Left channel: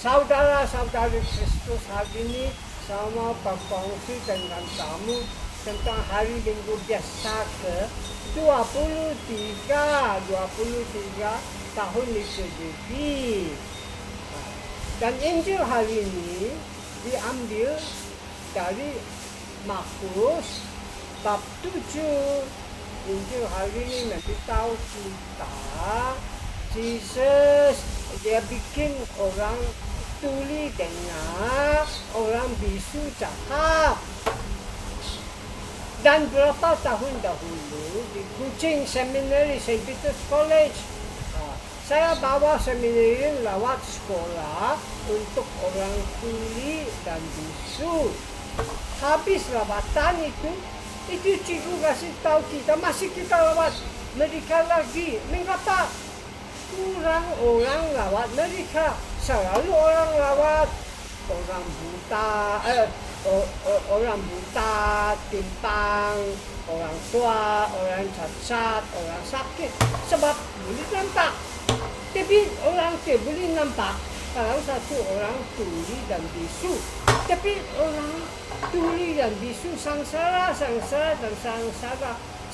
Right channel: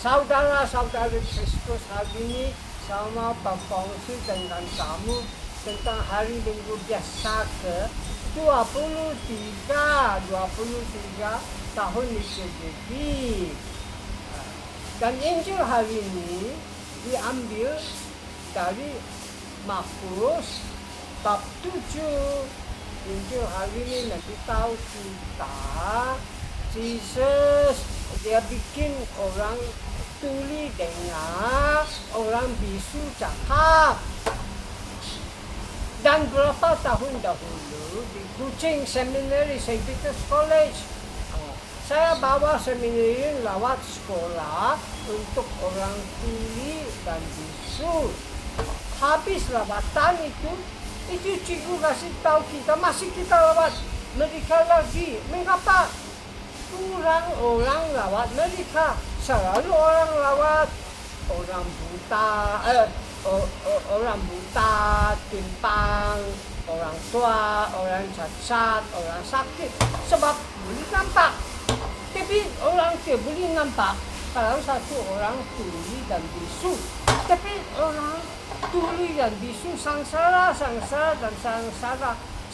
Saudara-saudari Kristus hari ini sama berkongsi dengan kamu tentang hari Minggu biasa ke 23 tahun liturgi. Dan Injil hari ini diambil dari Markus bab 7. Injil hari ini memberitahu kita Yesus dia bikin orang tuli dengar, orang bisu cakap. Dan berapa tahun dahulu di Kuching Seminary St. Peter's College, saya bawa seminari lewat sekolah untuk orang tuli dan bisu. Habis lawatan itu cikgu kasih tahu kita, masih kita lawat mereka lagi. Mengapa? Kurang orang lawat mereka. Selalu orang lawat orang buta, timpang, orang tua, orang cacat, orang sakit. Sebab boleh nampak. Tapi orang tidak boleh nampak kalau satu orang tuli dan bisu. Tapi orang tuli dan bisu sangsara.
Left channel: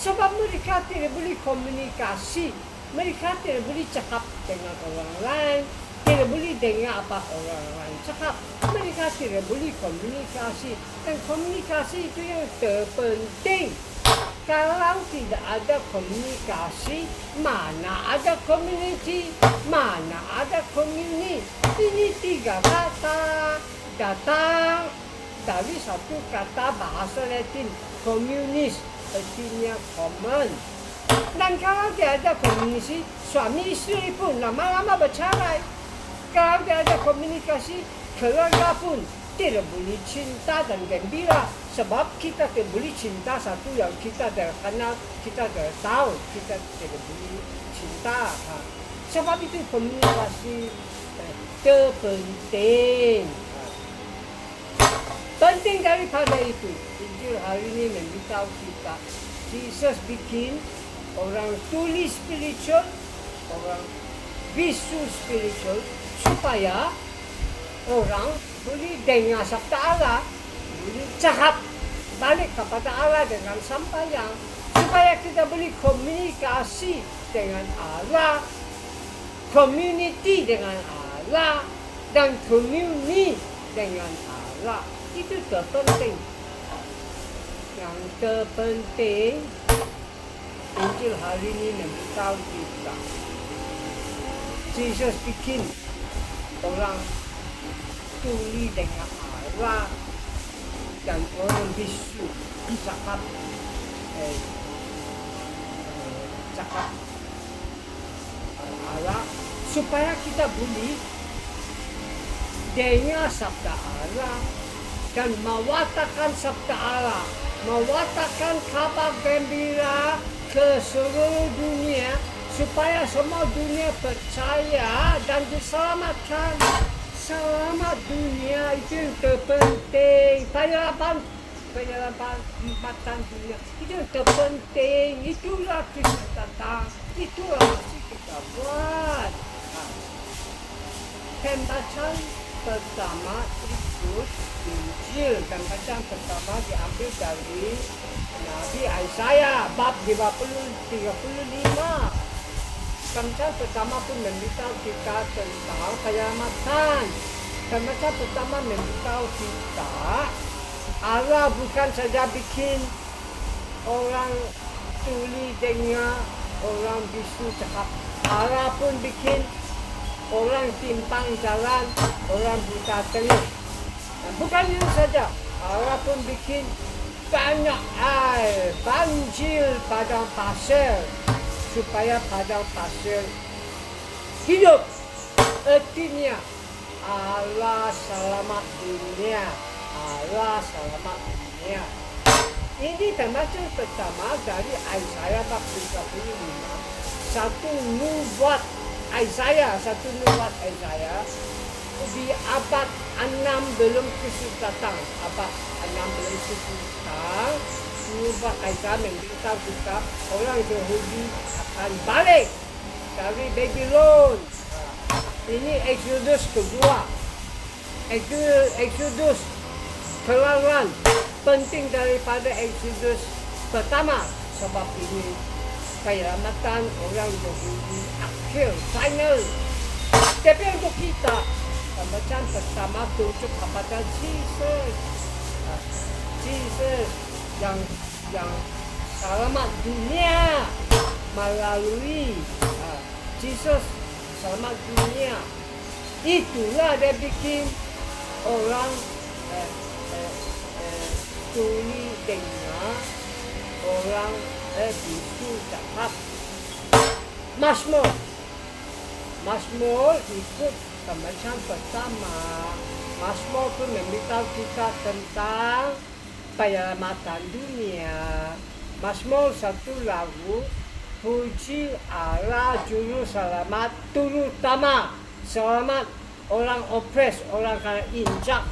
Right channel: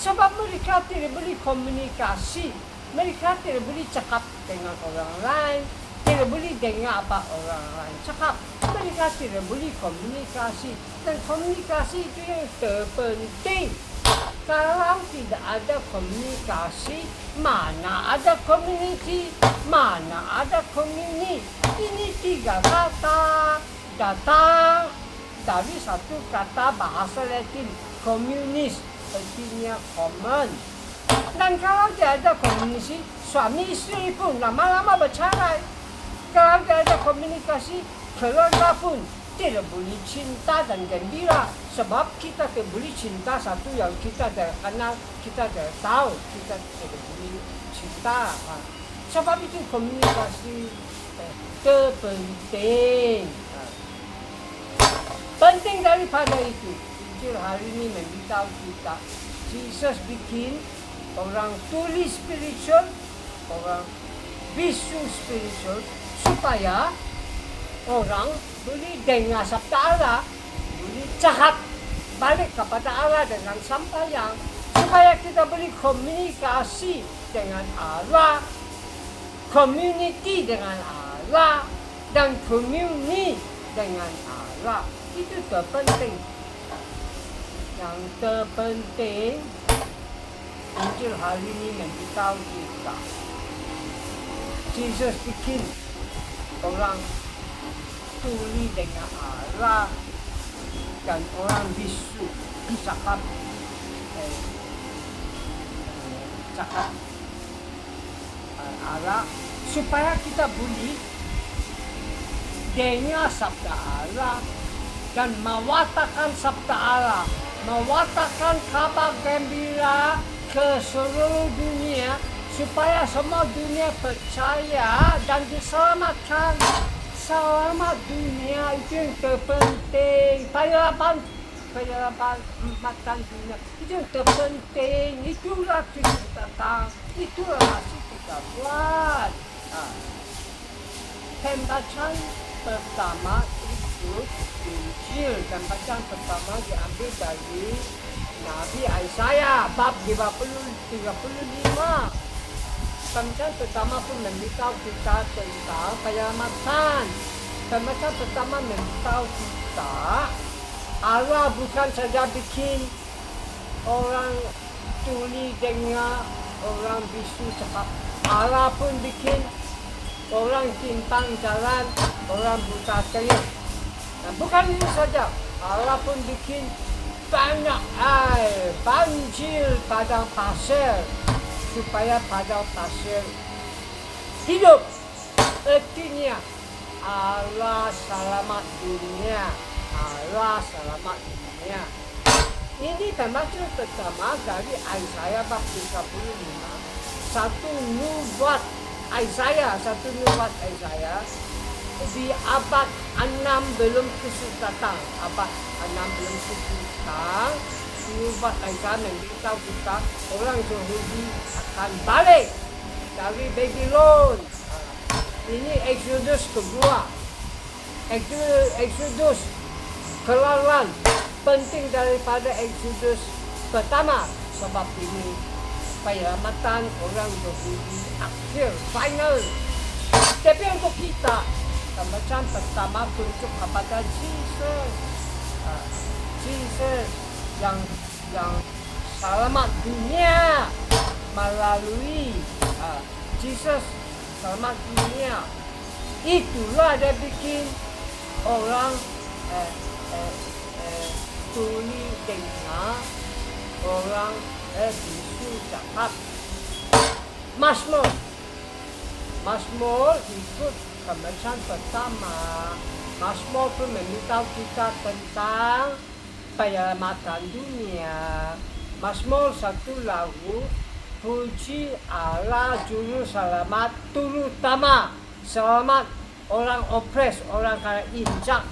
Sebab mereka tidak boleh komunikasi. Mereka tidak boleh cakap dengan orang lain. Tidak boleh dengar apa orang lain cakap. Mereka tidak boleh komunikasi. Dan komunikasi itu yang terpenting. Kalau tidak ada komunikasi, mana ada community, mana ada community. Ini tiga kata datang dari satu kata bahasa Latin, communis, artinya common. Dan kalau tidak ada komunikasi, suami istri pun lama-lama bercerai. Kalau tidak ada komunikasi, keluarga pun tidak boleh cinta dan gembira. Sebab kita tidak boleh cinta satu yang kita tidak kenal, kita tidak tahu, kita tidak boleh cinta. Sebab itu komunikasi terpenting. Penting daripada itu, Injil hari ini memberitahu kita, Yesus bikin orang tuli spiritual, orang bisu spiritual, supaya orang boleh dengar sabda Allah, boleh cakap balik kepada Allah dengan sembahyang, supaya kita boleh komunikasi dengan Allah, community dengan Allah, dan community dengan Allah. Itu terpenting. Yang terpenting, Injil hari ini memberitahu kita, Yesus bikin orang tuli dengan Allah dan orang bisu cakap Allah, supaya kita boleh dengar sabda Allah dan mewatakan sabda Allah, mewatakan kabar gembira ke seluruh dunia, supaya semua dunia percaya dan diselamatkan. Selamat dunia itu yang terpenting. Penyelamatan dunia itu yang terpenting. Itulah kita datang, itulah masih kita buat. Pembacaan pertama itu Injil. Pembacaan pertama diambil dari Nabi Yesaya bab 35. Pembacaan pertama pun memberitahu kita tentang penyelamatan. Pembacaan pertama memberitahu kita Allah bukan saja bikin orang tuli dengar, orang bisu cakap. Allah pun bikin orang timpang jalan, orang buta telinga. Bukan itu saja, Allah pun bikin banyak air, banjir padang pasir, supaya padang pasir hidup. Artinya Allah selamat dunia, Allah selamat dunia. Ini pembacaan pertama dari Yesaya bab 35. Satu nubuat Yesaya di abad 6 belum Kristus datang. Abad 6 belum Kristus datang. Nubuat Yesaya memberitahu kita orang Yahudi akan balik dari Babylon. Ini Exodus kedua. Exodus keluaran penting daripada Exodus pertama, sebab ini penyelamatan orang Yahudi akhir final. Tapi untuk kita macam pertama tunjuk kepada Jesus, Jesus yang selamat dunia melalui Jesus selamat dunia. Itulah dia bikin orang tuli dengar, orang bisu cakap. Mazmur ikut pembacaan pertama. Mazmur pun memberitahu kita tentang penyelamatan dunia. Mazmur satu lagu puji Allah juru selamat, terutama selamat orang opres, orang kena injak,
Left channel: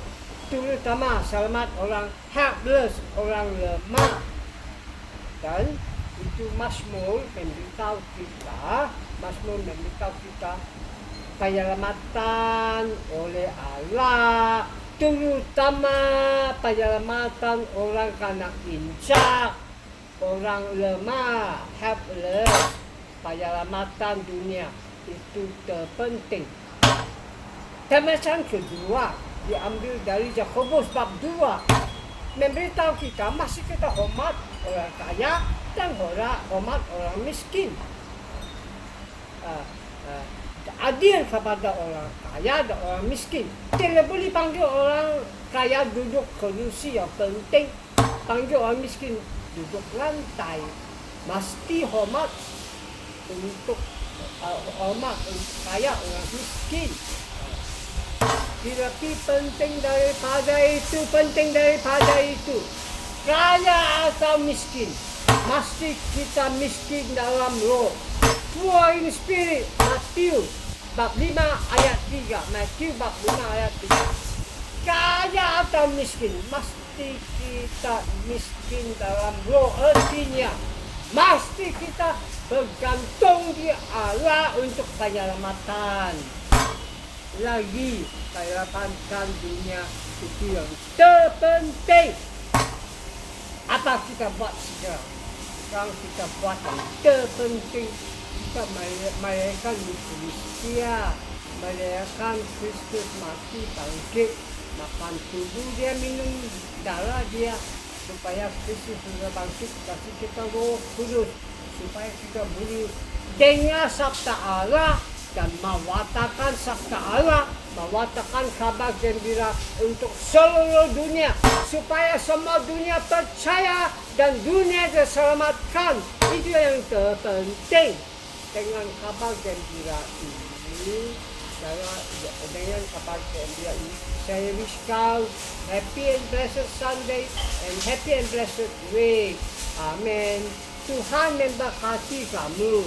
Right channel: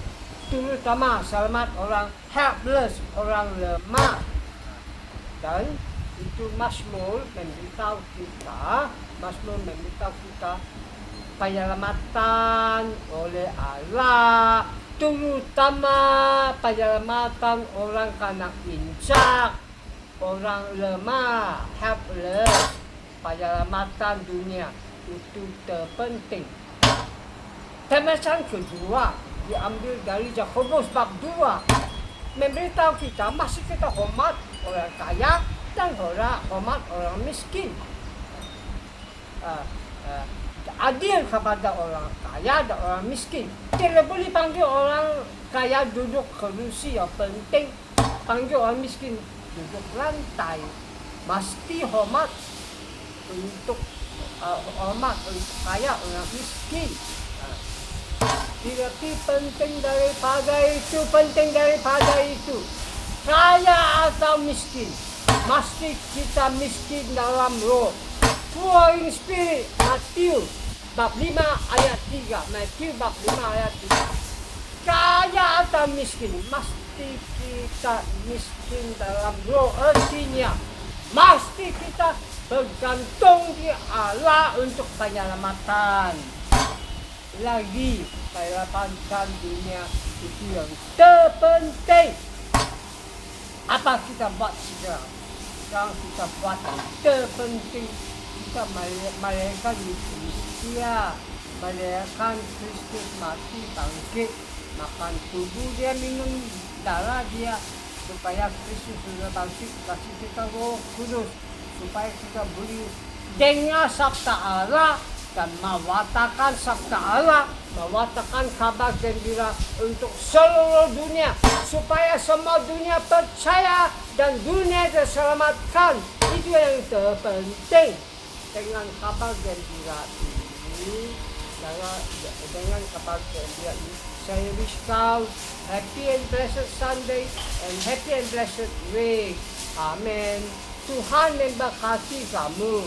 terutama selamat orang helpless, orang lemah. Dan itu Mazmur memberitahu kita penyelamatan oleh Allah, terutama penyelamatan orang kena injak, orang lemah, helpless. Penyelamatan dunia itu terpenting. Pembacaan kedua diambil dari Yakobus bab 2, memberitahu kita masih kita hormat orang kaya dan hormat orang miskin. Adil kepada orang kaya dan orang miskin. Tidak boleh panggil orang kaya duduk kerusi yang penting, panggil orang miskin duduk lantai. Mesti hormat untuk kaya orang miskin. Tetapi penting daripada itu, kaya atau miskin, mesti kita miskin dalam roh. Poor in spirit, Matius bab 5 ayat 3. Matius bab 5 ayat 3. Kaya atau miskin, mesti kita miskin dalam roh. Artinya, mesti kita bergantung di Allah untuk penyelamatan. Lagi penyelamatan dunia itu yang terpenting. Apa kita buat sekarang? Sekarang kita buat yang terpenting. Kita merayakan Eucharistia, merayakan Kristus mati bangkit, makan tubuh dia, minum darah dia, supaya Kristus sudah bangkit, kasih kita Roh Kudus, supaya kita boleh dengar sabda Allah dan mewatakan sabda Allah, mewatakan kabar gembira untuk seluruh dunia, supaya semua dunia percaya dan dunia diselamatkan. Itu yang terpenting. Dengan kabar gembira ini, dengan kabar gembira ini, saya wish kau happy and blessed Sunday and happy and blessed week. Amen. Tuhan memberkati kamu.